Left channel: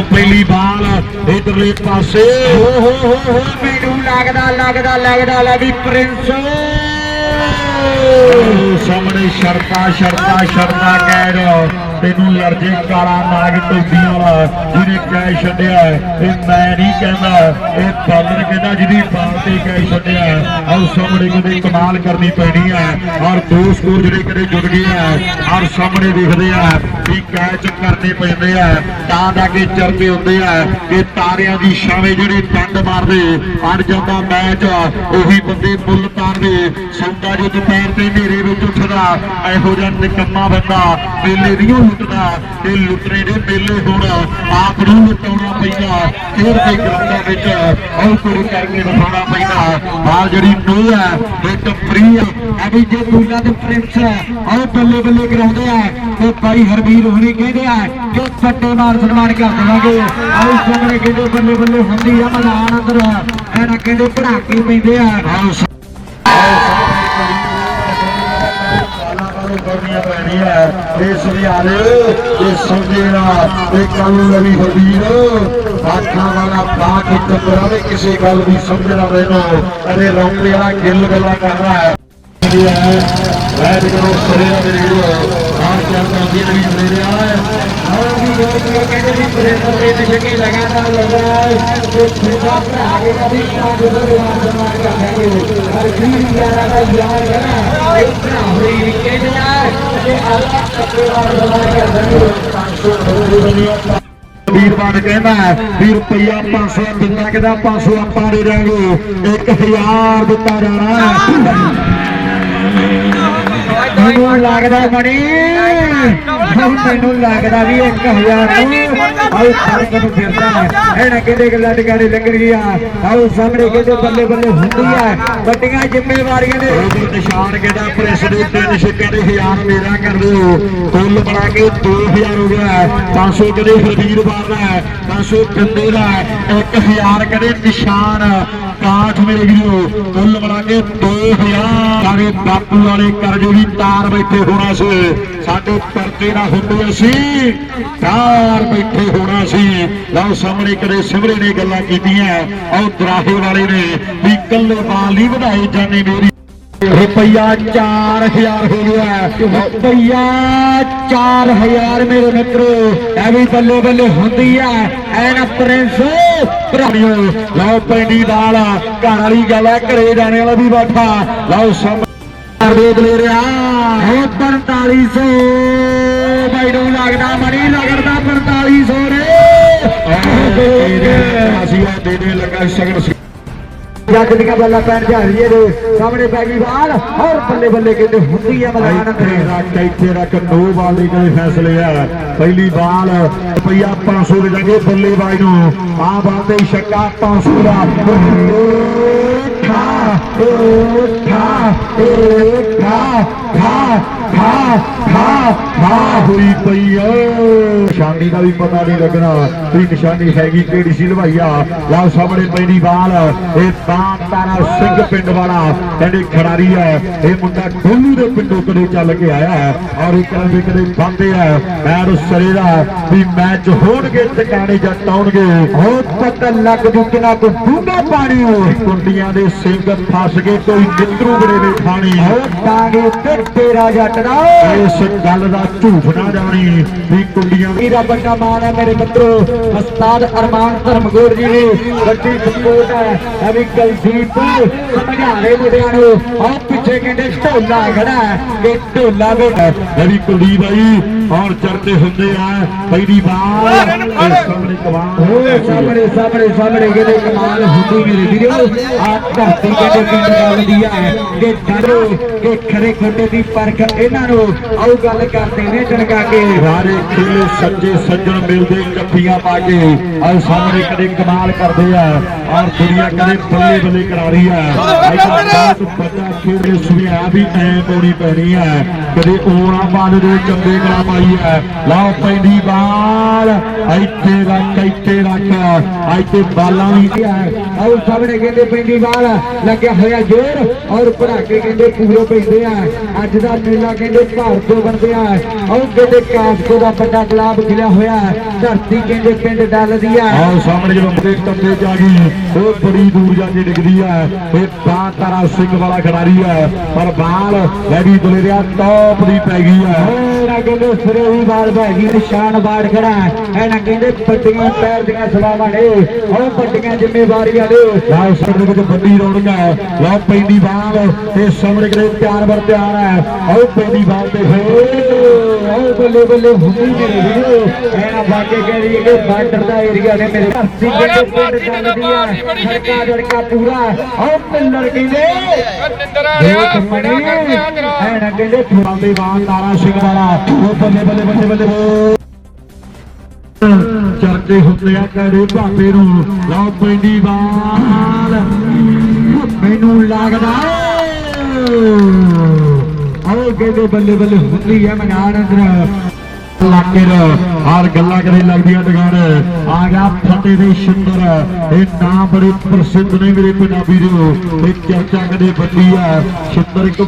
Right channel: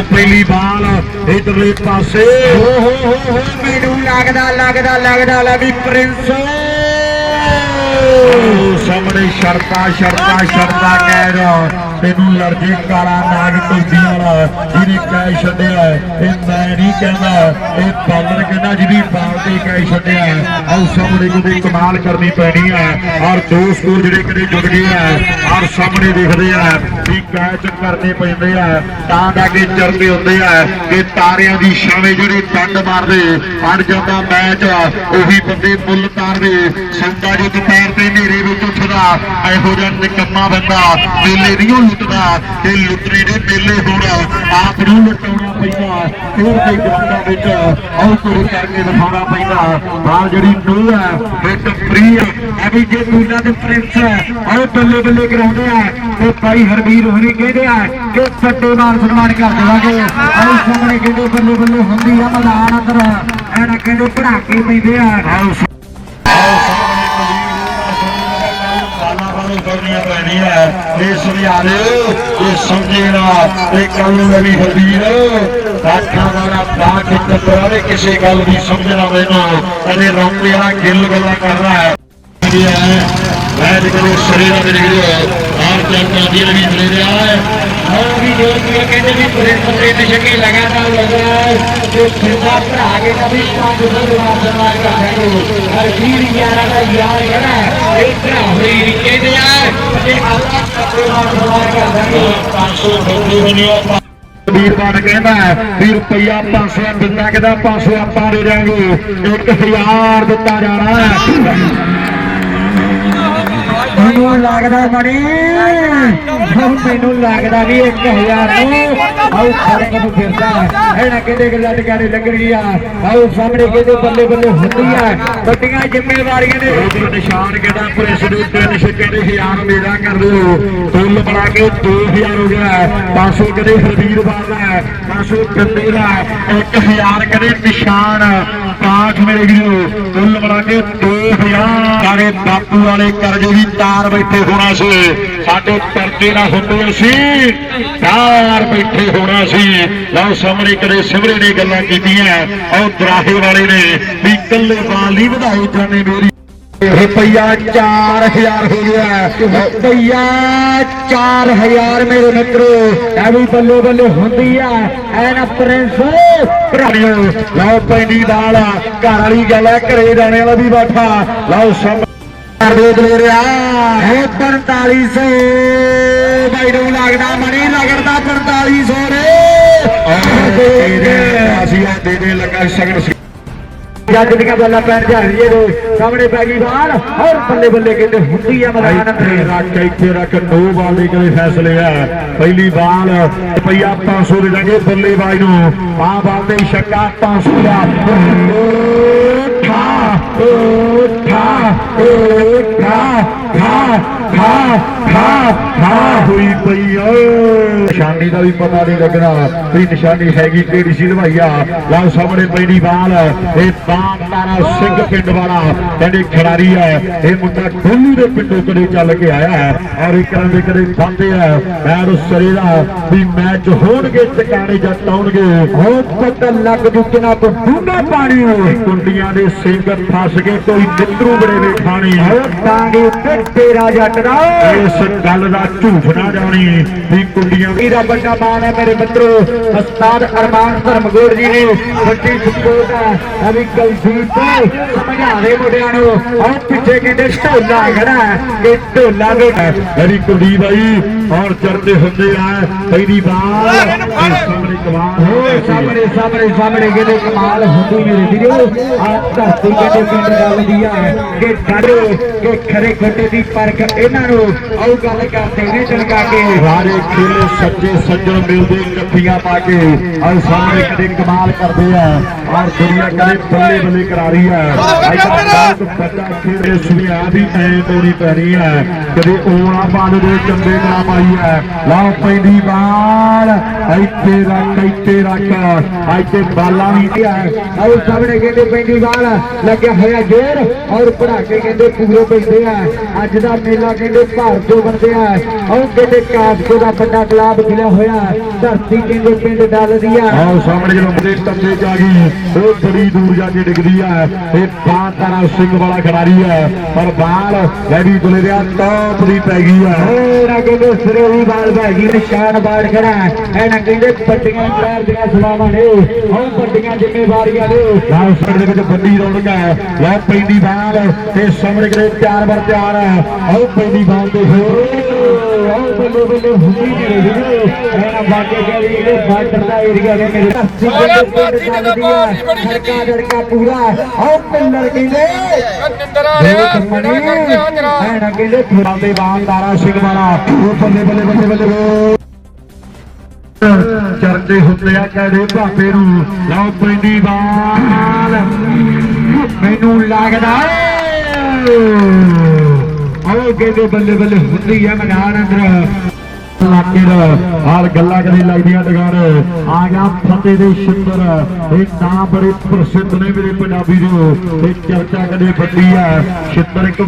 ਪਹਿਲੀ ਬਾਲ ਇਧਰਲੇ ਪਾਸੇ। ਹੋ ਹੋ ਹੋ ਹੋ, ਮੈਨੂੰ ਲੱਗਦਾ ਲੱਗਦਾ ਲੱਗਦਾ ਲੈ ਵੀ ਪ੍ਰਿੰਸ। ਸਾਹਮਣੇ ਸ਼ਰਤਾ ਸ਼ਰਤਾ ਸ਼ਰਤਾ ਕਹਿ ਰਿਹਾ ਤੈਨੂੰ ਲਰਜੇ ਕਾਲਾ ਨਾਗ ਟੋਪੀ ਵਾਲਾ ਜਿਹਨੇ ਕਹਿ ਛੱਡਿਆ, ਇਹ ਮੈਂ ਨਹੀਂ ਕਹਿੰਦਾ। ਇਹ ਬਾਲਰ ਕਹਿੰਦਾ ਜਿਹਦੀ ਬਾਲ ਤੇ ਕਹਿ ਛੱਡਿਆ। ਆਓ ਸਾਹਮਣੇ ਕਿਤੇ ਕਮਾਲ ਕਰਨੀ ਪੈਣੀ ਹੈ ਔਰ ਦੋ ਸਕੋਰ ਜਿਹੜੇ ਕਿਤੇ ਜੁੜ ਗਏ ਹੈ ਔਰ ਸਾਹਮਣੇ ਦੇਖਦੇ ਆ ਵੀ ਕੈਚ ਕਰਨੇ ਪੈਂਦੇ ਆ। ਤਾਂ ਜਾ ਕੇ ਚਰਦੇ ਹੁੰਦੇ ਆ ਕਿ ਤਾਰਿਆਂ ਦੀ ਛਾਵੇਂ ਜਿਹੜੀ ਡੰਡ ਮਾਰਦੇ ਅੜ ਜਾਂਦਾ ਮੈਚ ਉਹੀ ਬੰਦੇ ਬੁੱਲ ਤਾਰਦੇ। ਸੰਗਾ ਜੀ ਦੁਪਹਿਰ ਦੇ ਹਨੇਰੇ ਵਿੱਚ ਉੱਠਦਾ ਇਹੋ ਜਿਹਾ ਨਿਕੰਮਾ ਬੰਦਾ ਮੇਲੇ ਨਹੀਂ ਲੁੱਟਦਾ, ਤੇ ਲੁੱਟਰੇ ਦੇ ਮੇਲੇ ਹੁਣ ਆਪ ਨੂੰ ਲੁੱਟਾਉਣਾ ਪੈਂਦਾ ਖੇਡ ਦੇ ਗਰਾਊਂਡਾਂ ਵਿੱਚ ਆਉ ਕੋਲ ਕਰਕੇ ਦਿਖਾਉਣਾ ਪੈਂਦਾ। ਆ ਜਿਹੜੀ ਨੂੰਹ ਹੈ, ਇੱਕ ਫਰੀ ਹੈ ਐਵੇਂ ਜੇ ਮੂਲਾ ਦੇ ਪ੍ਰਿੰਸ ਹੈ ਆਓ ਬੱਲੇ ਬੱਲੇ ਕਰਾਉਂਦੇ ਆ, ਤੇ ਭਾਈ ਹਰਵੀਰ ਹੁਣੀ ਕਹਿੰਦੇ ਆ ਕਿ ਛੱਟੇ ਨਾਲ ਸਨਮਾਨ ਕਰ ਦੇਵਾਂਗੇ। ਆਓ ਸਾਹਮਣੇ ਕਹਿੰਦੇ ਬੱਲੇ ਬੱਲੇ ਹੁੰਦੀ ਹੈ ਮੈਦਾਨ ਅੰਦਰ। ਇਹਨਾਂ ਕਹਿੰਦੇ ਪੜਾਕੇ ਪੈਂਦੇ ਆ। ਸਾਲਾਂ ਵਾਲੇ ਕਰਨੀਆਂ ਪੈਣੀਆਂ ਇਸ ਲਿਆਰੇ ਇਹ ਸਮਝੇ ਨਾ ਇਹ ਕੱਲ ਨੂੰ ਵੀ ਹਰਵੀਰ ਬਾਕੀਆਂ ਵਾਲਾ ਪਾ ਕੇ ਚੱਤਵਾਰੇ ਕਿਸੇ ਗੱਲ ਦੀ ਸਮਝਣਾ ਮੈਨੂੰ ਅਰੇ ਰੌਂਦੇ ਵਾਲਾ ਗਿੱਲ ਗੱਲਾਂ ਕਰ ਰਹਾ ਹੈ ਇਹ ਹੈ ਮੈਂ ਜਿਹੜੇ ਸਰੀਰ ਦੇ ਵੀਡੀਓ ਆਪ ਜਾਂਦਾ ਜੀ ਵੀ ਮਿਲ ਰਿਹਾ ਹੈ और भी जो भी कहते भी प्रेम में नशे की लगातार लग रहा है ਜੋ ਜਿੰਨਾ ਭਰਾ ਕੇ ਕਦੀ ਪੰਜ ਰੁਪਏ ਦਾ ਸਨਮਾਨ ਕਰ ਦੇਣਗੇ ਹਰ ਵੀਰ ਯਾਰਾ ਦਾ ਯਾਰ ਕਹਣਾ ਇਹ ਭਰਾ ਹੋਈ ਰਿੱਕੇ ਦੇ ਯਾਰ ਤੇ ਅੱਲਾ ਸੱਚੇ ਦਾ ਸਨਮਾਨ ਕਰ ਦੇਣਗੇ 500 ਰੁਪਏ ਦੁਨੀਆ ਵੀਰਵਾਨ ਕਹਿੰਦਾ ਵੀ ਰੁਪਈਆ 500 ਦਿੱਤਾ ਕਿਦਾ 500 ਆਪਾਂ ਦੇ ਦੇਾਂਗੇ 1000 ਦਿੱਤਾ ਜਾਣਾ ਮੈਨੂੰ ਲੱਗਦਾ ਬੜੀ ਮੈਨੂੰ ਲੱਗਦਾ ਵੀ 1000 ਨੂੰ ਆਉ ਫ਼ਰਕ ਨੂੰ ਫਿਰਦਾ ਇਹਨਾਂ ਕਿਹਦੇ ਗੱਲਾਂ ਟਿਕਾਣੇ ਲੱਗਣ ਗਿਆ ਆਉ ਸਾਹਮਣੇ ਕਿਹਦੇ ਬੱਲੇ ਬੱਲੇ ਹੁੰਦੀ ਹੈ ਵੱਡੀਆਂ ਜ਼ਿੰਮੇਵਾਰੀਆਂ ਉਧਰ ਨਿਸ਼ਾਨ ਕਹਿੰਦਾ ਪ੍ਰੈਸ ਦੇ ਤਿੰਨ ਛੱਕੇ ਦੇ ਹਜ਼ਾਰ ਮੇਰਾ ਕਰ ਦੋ। ਫੁੱਲ ਬਣਾ ਕੇ 2000 ਹੋ ਗਿਆ। 500 ਕਦੇ ਹਰਵੀਰ ਬਾਬਾ ਹੈ 500 ਕੰਦੇ ਦਾ। 1000 ਕਦੇ ਨਿਸ਼ਾਨ। ਕਾਠ ਮੇਰੇ ਵੀਰੋ ਫੁੱਲ ਬਣਾ ਕੇ 2000 ਸਾਰੇ ਬਾਪੂ ਵਾਲੇ ਕਰਜ਼ੇ ਦੀ ਤਾਰ ਬੈਠੇ ਹੋਣਾ ਸੀ। ਸਾਡੇ ਕਰਜ਼ੇ ਨਾ ਹੁੰਦੇ ਸੀ। ਤਾਰ ਬੈਠੇ ਹੋਣਾ ਸੀ। ਲਓ ਸਾਹਮਣੇ ਕਦੇ ਸਿਮਰੇ ਨੇ ਗੱਲਾਂ ਕੀਤੀਆਂ। ਉਹ ਦਰਾਹੇ ਵਾਲੇ ਨੇ ਵੀ ਕੱਲੇ ਬਾਲ ਨਹੀਂ ਵਧਾਏ ਜਾਣੇ ਮੇਰੀ। ਰੁਪਈਆ 4000 ਹੋ ਗਿਆ। ਰੁਪਈਆ 4000 ਮੇਰੇ ਮਿੱਤਰੋ, ਇਹ ਵੀ ਬੱਲੇ ਬੱਲੇ ਹੁੰਦੀ ਆ। ਐਨ ਪ੍ਰਿੰਸ ਭਰਾੜਿਓ ਲਓ ਪੈਂਦੀ ਦਾਲ ਘਰ ਵਾਲੀ ਗੱਲ ਹੈ ਘਰੇ ਜਾਣੇ ਵਾਲਾ ਵੀ ਬੈਠਾ। ਲਓ ਸਾਹਮਣੇ ਦੇਖ ਲੈ ਰਿਹਾ ਹੈ 4500 ਬਾਈ ਨੂੰ ਲੱਗਦਾ ਮਣੀ ਲੱਗਦਾ 4500 ਰੇ ਅਸੀਂ ਆ ਦੇ ਦੇ ਲੱਗਾ ਸ਼ਗਨ ਜੱਜ ਦੀਆਂ ਬੱਲਾ ਪੈਣ ਜਾ ਰਹੀ ਏ ਸਾਹਮਣੇ ਪੈ ਗਈ ਬਾਲ ਹੋਰ ਬੱਲੇ ਬੱਲੇ ਕਹਿੰਦੇ ਹੁੰਦੀ ਆ ਮੈਦਾਨ ਤੇ ਰੱਖ ਇੱਥੇ ਰੱਖ ਦੋ ਬਾਲ ਦੇ ਕੋਈ ਫੈਸਲੇ ਆ। ਪਹਿਲੀ ਬਾਲ ਰੁਪਈਆ 500 ਦੇ ਦਾਂਗੇ ਬੱਲੇ ਬਾਈ ਨੂੰ। ਆ ਬਾਲ ਤੇ ਛੱਕਾ 500 ਦਾ। ਠਾ ਠਾ ਠਾ ਠਾ ਠਾ ਠਾ ਹੋਈ ਪਈ ਓ ਨਿਸ਼ਾਨੀ ਦਾ ਵੀ ਪਤਾ ਨਹੀਂ ਲੱਗਣਾ ਵੀ ਨਿਸ਼ਾਨੀ ਹੈਗੀ ਕਿਹੜੀ ਸੀ ਲਵਾਈਆ। ਲਓ ਸਾਹਮਣੇ ਪੈਣੀ ਬਾਲ। ਇਹ ਬਾਮ ਤਾਰਾ ਸਿੰਘ ਪਿੰਡ ਵਾਲਾ ਕਹਿੰਦੇ ਖਿਡਾਰੀ ਹੈ। ਇਹ ਮੁੰਡਾ ਢੋਲੂ ਦੇ ਪਿੰਡੋਂ ਕਦੇ ਚੱਲ ਕੇ ਆਇਆ ਹੈ ਔਰ ਇੱਕ ਦੇ ਕਦੇ ਬੰਦੇ ਆ। ਮੈਰ ਸਰੇ ਦਾ ਵੀ ਮੈਚ ਹੋਣਗੇ, ਟਿਕਾਣੇ ਜੱਟ ਆਉਣਗੇ ਹੋ ਪਤਾ ਲੱਗ ਦੁੱਕਣਾ ਤੋਂ ਡੂੰਗਾ ਪਾਣੀ ਹੋਏ ਕੁੰਡੀਆਂ ਦੇ ਸਿੰਘ ਫਸ ਗਏ, ਕੋਈ ਨਿੱਤਰੂ ਬੜੇ ਵੇ ਖਾਣੀ ਹੋ ਪਾਣੀ ਤੇ ਤੇਰਾ ਜੱਟ ਦਾ। ਇਸ ਗੱਲ ਦਾ ਝੂਠ ਨਾ ਜਾਣੀ ਵੀ ਕੁੰਡੀਆਂ ਇਹਦਾ ਵੱਡਾ ਮਾਣ ਹੈ ਮੇਰੇ ਮਿੱਤਰੋ। ਉਸਤਾਦ ਅਰਮਾਨ ਧਰਮਗੋੜ ਜੀ ਨੇ ਵੱਡੀ ਸਪੋਰਟ ਆ ਅਭੀ ਕਲਸੀਪ ਸਮਝਾ ਰਹੇ ਮੁੰਡਿਆਂ ਨੂੰ ਇਹ ਪਿੱਛੇ ਕਹਿੰਦੇ ਢੋਲਾ ਖੜਾ ਹੈ। ਇਹ ਢੋਲਾ ਵੀ ਮੇਰੀ ਕੁਲਦੀਪ ਬਾਈ ਔਰ ਚਰਤੇ ਹੁੰਦੇ ਆ ਪਹਿਲੀ ਵਾਰ ਸਾਹਮਣੇ ਕਮਾਲ ਹੋ ਸਾਹਮਣੇ ਸਾਹਮਣੇ ਸਾਹਮਣੇ ਕਹਿੰਦੇ ਕਮਾਲ ਹੁੰਦੀ ਮੇਰੇ ਵੀਰੋ ਆਹ ਧਰਤੀ ਕਹਿੰਦੇ ਪਿੰਡ ਗੱਲ ਦੀ ਆ ਕਿ ਡਰੋ ਕਿ ਖਰੇ ਖੋਟੇ ਦੀ ਪਰਖ ਇਹਨਾਂ ਨੂੰ ਆਉ ਗੱਲ ਕਰਦੇ ਨੇ ਟਣਕਾ ਕੇ ਸਾਰੇ ਖੇਲੇ ਸੱਜੇ ਸੱਜਣ ਮਿਲਦੇ ਇਕੱਠੀਆਂ ਪਾ ਕੇ ਆਹ ਸਾਹਮਣੇ ਕਦੇ ਕਮਾਲ ਕਰਦੇ ਆ ਔਰ ਦੁਨੀਆ ਕਦੇ ਬੱਲੇ ਬੱਲੇ ਕਰਾ ਰਹੀ ਆ ਅੱਜ ਬਹੁਤ ਵੱਡਾ ਖੇਡ ਸੁਣਿਆ ਵੀ ਐ ਤੋੜੀ ਪੈਣੀ ਹੈ ਕਦੇ ਓਣਾ ਬਾਲ ਦੇ ਚੰਗੇ ਕਰਾ ਪਾਈ ਹੈ ਲਾਓ ਪੈਂਦੀ ਬਾਲ ਇੱਥੇ ਰੱਖ ਇੱਥੇ ਰੱਖ ਇੱਥੇ ਬਾਲਾਂ ਵੀ ਪਿਆ ਆਓ ਸਾਹਮਣੇ ਕਹਿੰਦੇ ਪੈਂਦੀ ਬਾਲ ਲੱਗਿਆ ਹੋਇਆ ਜੋਰ ਔਰ ਪੜਾਕੇ ਕਹਿੰਦੇ ਪੂਰੇ ਪੈਂਦੇ ਆ ਅੱਜ ਦਾ ਮੇਲਾ ਕਹਿੰਦੇ ਭਾਰ ਤੋਂ ਬੰਦੇ ਆ ਉਹ ਕਹਿੰਦੇ ਕਾਸਕੋ ਦਾ ਵੱਡਾ ਗੁਲਾਬ ਖਿਲਿਆ ਹੋਇਆ ਧਰਤੀ ਕਹਿੰਦੇ ਪਿੰਡ ਡੱਲ ਦੀ ਆ ਆਓ ਸਾਹਮਣੇ ਜਦੋਂ ਬ੍ਰੇਕ ਜਾ ਗਈ ਉਹ ਬੜੀ ਦੂਰ ਜਾ ਕੇ ਡਿੱਗਦੀ ਆ ਇਹ ਬਾਤਾਰਾ ਸਿੰਘ ਵਾਲਾ ਖਿਡਾਰੀ ਆ ਪਰ ਬਾਲ ਵੈਡੀ ਦਲੇਰਿਆ ਟੌਪ ਦੀ ਪੈ ਗਈ ਆ ਹੋਰ ਕਹਿੰਦੇ ਸਿਰੇ ਵੀ ਬਾਲ ਪੈ ਗਈ ਨਿਸ਼ਾਨ ਬਾੜ ਕਰਾ ਇਹਨਾਂ ਕਹਿੰਦੇ ਪੱਟੀਆਂ ਪੈਰ ਦੀਆਂ ਸਵਾਵਾਂ ਨੇ। ਉਹ ਪੱਟੀਆਂ ਜ਼ਿੰਮੇਵਾਰੀਆਂ ਨੇ। ਲਾਓ ਸਿਰ ਦੇ ਵਿੱਚ ਬੰਦੀ ਰੌਣੀਆਂ ਲੈ ਪੈਂਦੀ ਬਾਲ ਤੇ ਸਾਹਮਣੇ ਕਿਤੇ ਤਿਆਰ ਬਰ ਤਿਆਰ ਆ ਆਓ ਪੈਂਦੀ ਬਾਲ ਤੇ ਹੋ ਆਓ ਬੱਲੇ ਬੱਲੇ ਹੁੰਦੀ ਨਹੀਂ ਵੀਡੀਓ ਐਨਾ ਵਾਕੇ ਕਹਿੰਦੀ ਇਹ ਬਾਰਡਰ ਦਾ ਏਰੀਆ ਨੇ ਮੇਰੇ ਮਾਰਿਆ ਪਾਰਟੀ ਤਾਂ ਮਾਰ ਨਹੀਂ ਬੜੀ ਛੇਤੀ। ਜੜਕਾ ਪੂਰਾ ਆਓ ਪਿੱਲਰ ਕਹਿੰਦੇ? ਨਿੰਦਰ ਆ ਰਿਹਾ ਬੜਾ ਕਰਦੇ ਆ ਜਰਾ ਐਨਾ ਕਹਿੰਦੇ ਥੋੜਾ ਦੇ ਬਾਲ ਦਾਰਾ ਸਿੰਘ ਵਾਲਾ ਉਹ ਬੱਲੇ ਬੱਲੇ ਬੱਲੇ ਬੱਲੇ ਹੋ ਚਰਚੇ ਹੁੰਦੇ ਆ ਕਹਦੇ ਭਾਪੇ ਨੂੰ? ਲਓ ਪੈਂਦੀ ਬਾਲ। ਮੈਨੂੰ ਲੱਗਦਾ ਆਓ ਕਹਿੰਦੇ ਬੱਲੇ ਬੱਲੇ ਹੁੰਦੀ ਹੈ ਮੈਦਾਨ ਅੰਦਰ। ਲਾਕੇ ਦਾ ਹਾਲ ਗੱਲਾਂ ਕਰੇ ਲੱਗਦੀਆਂ ਟਗਾਰ ਆ ਗਿਆ ਫਤਿਹ ਦੇ ਸ਼ਿੰਦਰ ਇਹ ਨਾਮ ਬੜੇ ਪ੍ਰਸਿੱਧ ਨੇ ਮੇਰੇ ਪੰਜਾਬੀ ਦੇ ਇਹ ਚਰਚਾ ਕਦੇ ਵੱਡੀ ਆ ਸ਼ਿੰਦਰ ਇੱਕ